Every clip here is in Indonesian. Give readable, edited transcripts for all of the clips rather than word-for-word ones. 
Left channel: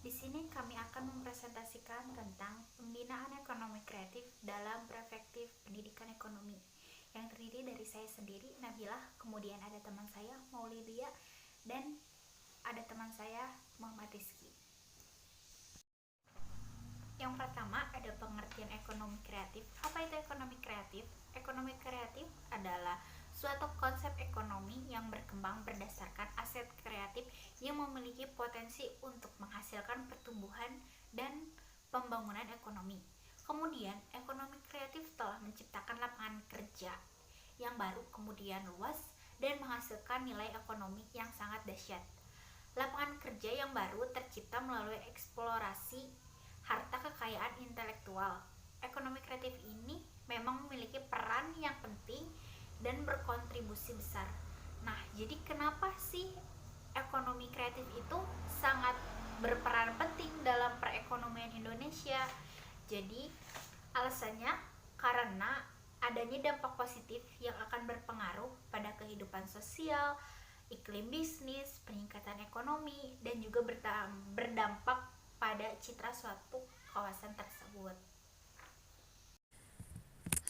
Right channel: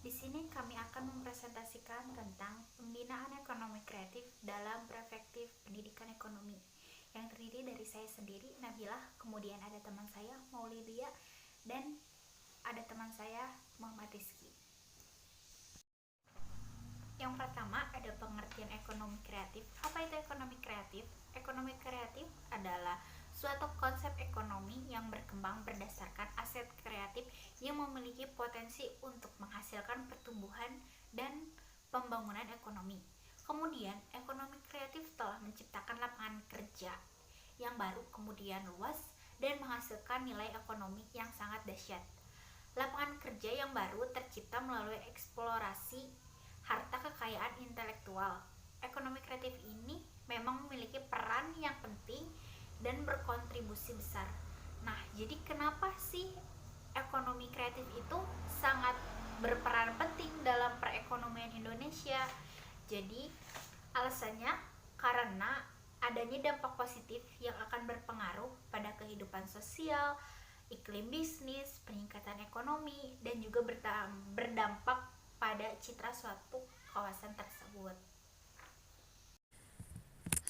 Di sini kami akan mempresentasikan tentang pembinaan ekonomi kreatif dalam perspektif pendidikan ekonomi yang terdiri dari saya sendiri, Nabilah, kemudian ada teman saya, Maulidia, dan ada teman saya, Muhammad Rizky. Yang pertama ada pengertian ekonomi kreatif. Apa itu ekonomi kreatif? Ekonomi kreatif adalah suatu konsep ekonomi yang berkembang berdasarkan aset kreatif yang memiliki potensi untuk menghasilkan pertumbuhan dan pembangunan ekonomi. Kemudian, ekonomi kreatif telah menciptakan lapangan kerja yang baru, kemudian luas, dan menghasilkan nilai ekonomi yang sangat dahsyat. Lapangan kerja yang baru tercipta melalui eksplorasi harta kekayaan intelektual. Ekonomi kreatif ini memang memiliki peran yang penting dan berkontribusi besar. Nah, jadi kenapa sih ekonomi kreatif itu sangat berperan penting dalam perekonomian Indonesia? Jadi, alasannya karena adanya dampak positif yang akan berpengaruh pada kehidupan sosial, iklim bisnis, peningkatan ekonomi, dan juga berdampak pada citra suatu kawasan tersebut.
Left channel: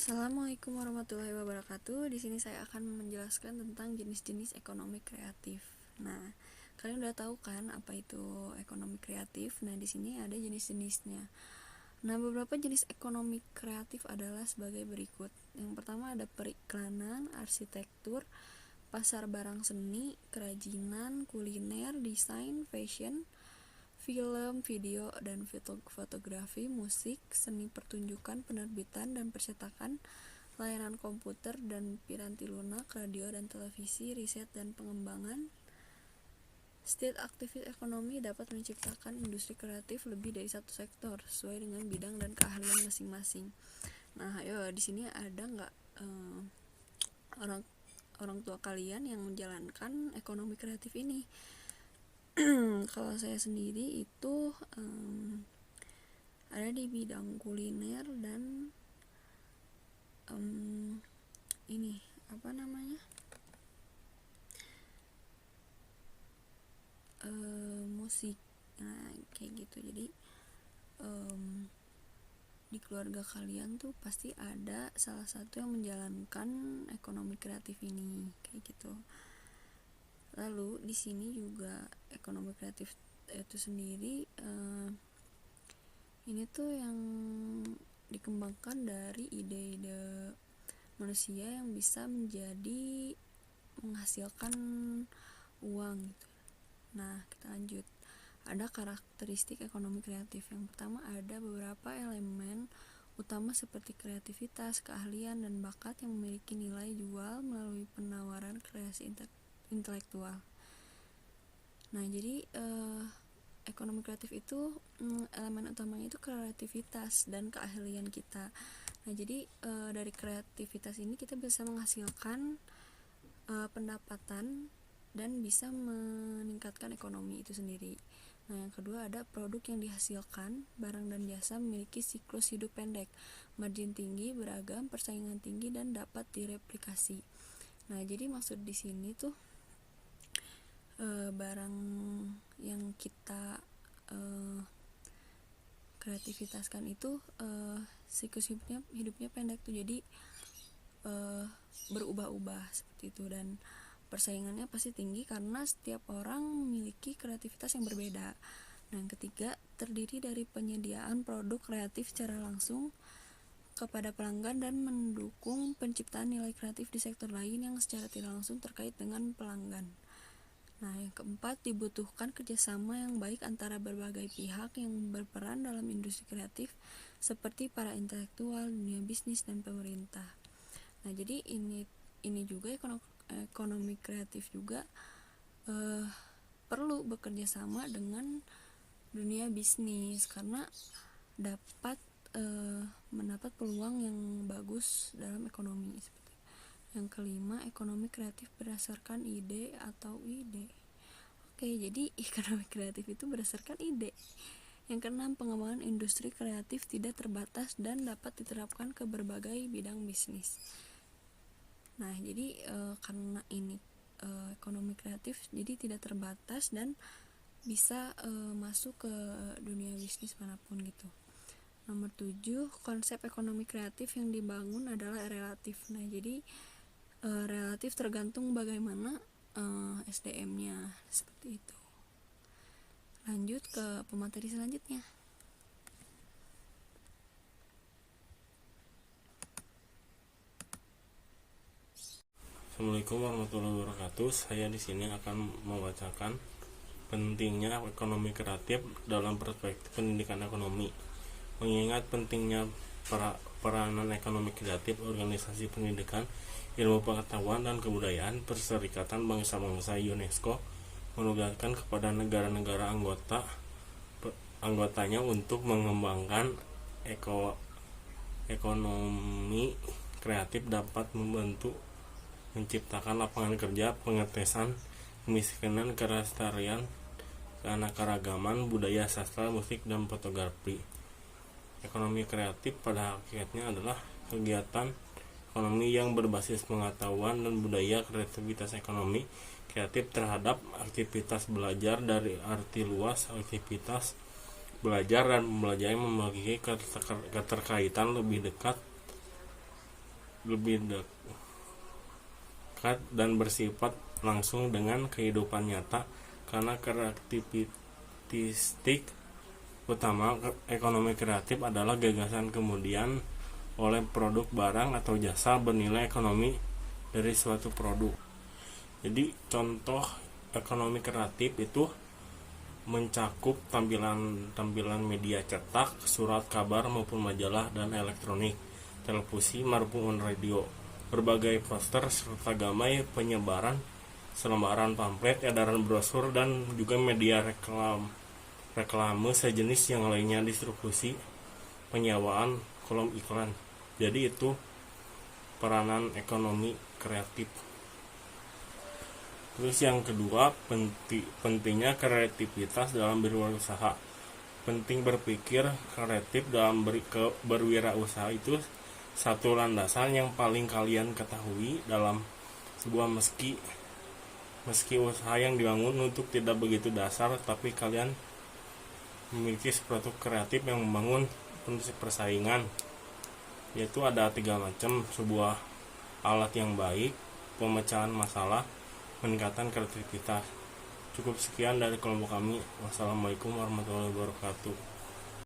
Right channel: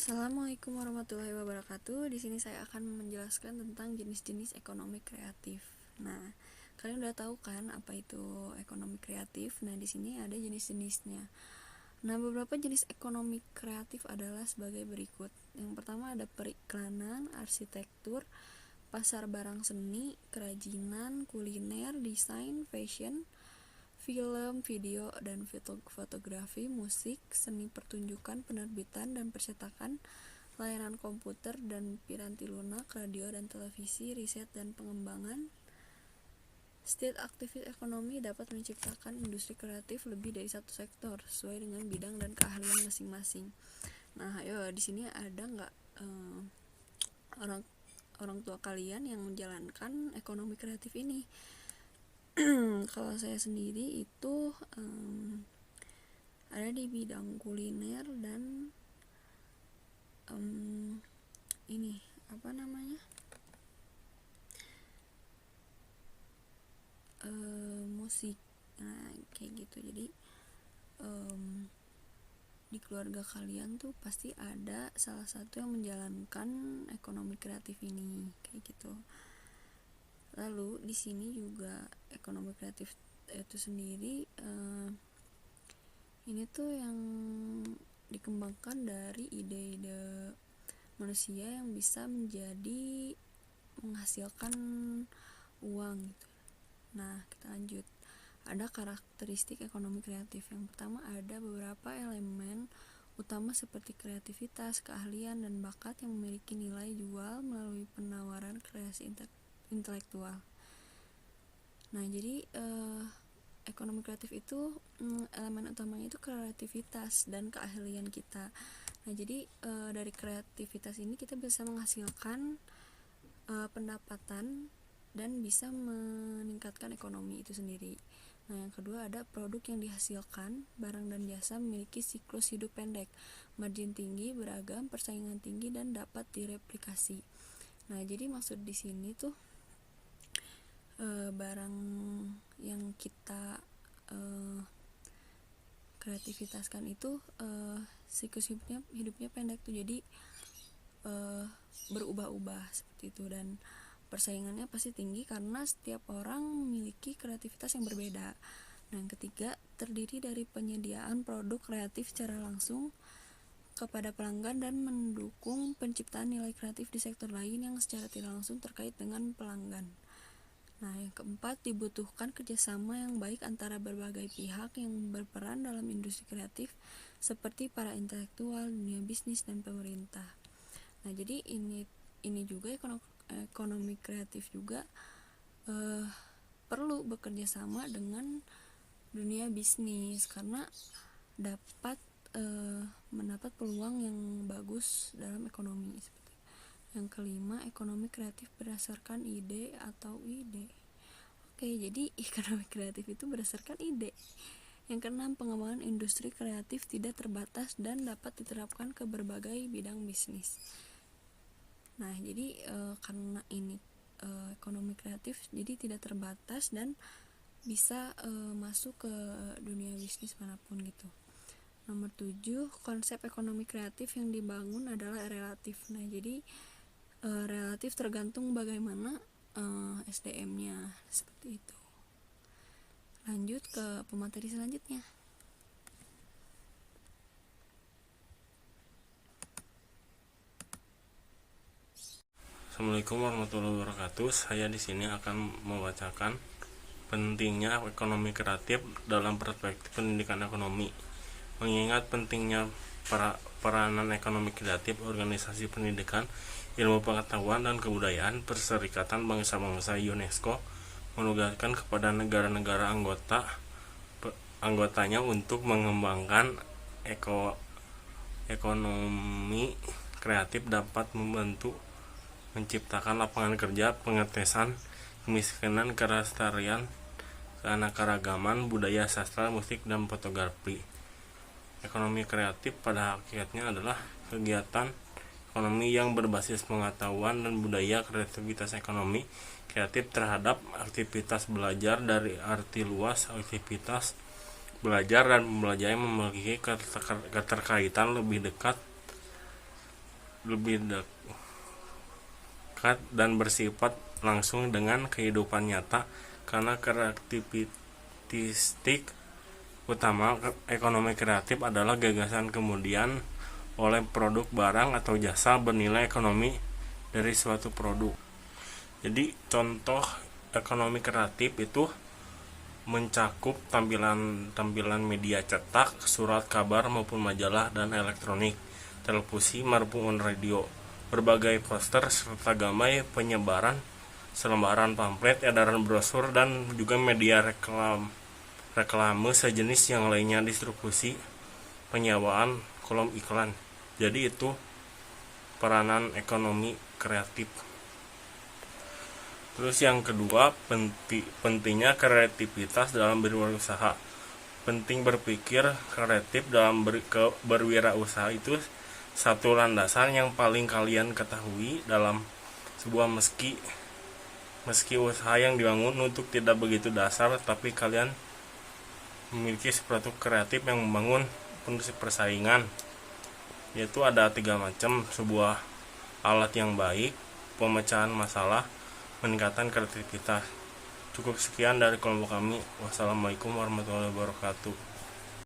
Assalamualaikum warahmatullahi wabarakatuh. Di sini saya akan menjelaskan tentang jenis-jenis ekonomi kreatif. Nah, kalian udah tahu kan apa itu ekonomi kreatif? Nah, di sini ada jenis-jenisnya. Nah, beberapa jenis ekonomi kreatif adalah sebagai berikut. Yang pertama ada periklanan, arsitektur, pasar barang seni, kerajinan, kuliner, desain, fashion, film, video, dan fotografi, musik, seni pertunjukan, penerbitan dan percetakan, layanan komputer dan piranti lunak, radio dan televisi, riset dan pengembangan. Setiap aktivitas ekonomi dapat menciptakan industri kreatif lebih dari satu sektor sesuai dengan bidang dan keahlian masing-masing. Nah, ayo di sini ada nggak orang tua kalian yang menjalankan ekonomi kreatif ini? Kalau saya sendiri itu ada di bidang kuliner dan ini apa namanya musik. Nah, kayak gitu. Jadi di keluarga kalian tuh pasti ada salah satu yang menjalankan ekonomi kreatif ini, kayak gitu. Lalu di sini juga ekonomi kreatif itu sendiri ini tuh yang dikembangkan dari ide-ide manusia yang bisa menjadi menghasilkan uang gitu. Nah, kita lanjut. Ada karakteristik ekonomi kreatif. Yang pertama ada beberapa elemen utama seperti kreativitas, keahlian, dan bakat yang memiliki nilai jual melalui penawaran kreasi intelektual. Nah, jadi ekonomi kreatif itu elemen utamanya itu kreativitas dan keahlian kita. Nah, jadi dari kreativitas ini kita bisa menghasilkan pendapatan dan bisa meningkatkan ekonomi itu sendiri. Nah, yang kedua ada produk yang dihasilkan, barang dan jasa memiliki siklus hidup pendek, margin tinggi, beragam, persaingan tinggi, dan dapat direplikasi. Nah, jadi maksud di sini tuh barang yang kita kreativitaskan itu siklus hidupnya pendek tuh, jadi berubah-ubah seperti itu, dan persaingannya pasti tinggi karena setiap orang memiliki kreativitas yang berbeda. Nah, yang ketiga terdiri dari penyediaan produk kreatif secara langsung kepada pelanggan dan mendukung penciptaan nilai kreatif di sektor lain yang secara tidak langsung terkait dengan pelanggan. Nah, yang keempat dibutuhkan kerjasama yang baik antara berbagai pihak yang berperan dalam industri kreatif seperti para intelektual, dunia bisnis, dan pemerintah. Nah, jadi ini juga ekonomi kreatif juga perlu bekerja sama dengan dunia bisnis karena dapat mendapat peluang yang bagus dalam ekonomi. Yang kelima, ekonomi kreatif berdasarkan ide atau ide. Oke, jadi ekonomi kreatif itu berdasarkan ide. Yang keenam, pengembangan industri kreatif tidak terbatas dan dapat diterapkan ke berbagai bidang bisnis. Nah, jadi karena ini ekonomi kreatif jadi tidak terbatas dan bisa masuk ke dunia bisnis manapun gitu. Nomor 7, konsep ekonomi kreatif yang dibangun adalah relatif. Nah, jadi relatif tergantung bagaimana SDM-nya, seperti itu. Lanjut ke pemateri selanjutnya. Assalamualaikum warahmatullahi wabarakatuh. Saya di sini akan membacakan pentingnya ekonomi kreatif dalam perspektif pendidikan ekonomi. Mengingat pentingnya peranan ekonomi kreatif, organisasi pendidikan, ilmu pengetahuan dan kebudayaan, Perserikatan Bangsa-Bangsa UNESCO menugaskan kepada negara-negara anggotanya untuk mengembangkan ekonomi kreatif dapat membantu menciptakan lapangan kerja, pengetesan kemiskinan, kelestarian, keanekaragaman budaya, sastra, musik, dan fotografi. Ekonomi kreatif pada hakikatnya adalah kegiatan ekonomi yang berbasis pengetahuan dan budaya. Kreativitas ekonomi kreatif terhadap aktivitas belajar dari arti luas. Aktivitas belajar dan belajar yang memiliki keterkaitan lebih dekat dan bersifat langsung dengan kehidupan nyata, karena karakteristik utama ekonomi kreatif adalah gagasan kemudian oleh produk barang atau jasa bernilai ekonomi dari suatu produk. Jadi contoh ekonomi kreatif itu mencakup tampilan media cetak, surat kabar maupun majalah dan elektronik, televisi maupun radio, berbagai poster serta gamai penyebaran selembaran pamflet, edaran brosur, dan juga media reklame sejenis yang lainnya, distribusi, penyewaan, kolom iklan. Jadi itu peranan ekonomi kreatif. Terus yang kedua, pentingnya kreativitas dalam berwirausaha. Penting berpikir kreatif dalam berwirausaha itu satu landasan yang paling kalian ketahui dalam sebuah meski usaha yang dibangun untuk tidak begitu dasar, tapi kalian memiliki produk kreatif yang membangun prinsip persaingan, yaitu ada 3 macam: sebuah alat yang baik, pemecahan masalah, meningkatkan kreativitas. Cukup sekian dari kelompok kami. Wassalamualaikum warahmatullahi wabarakatuh.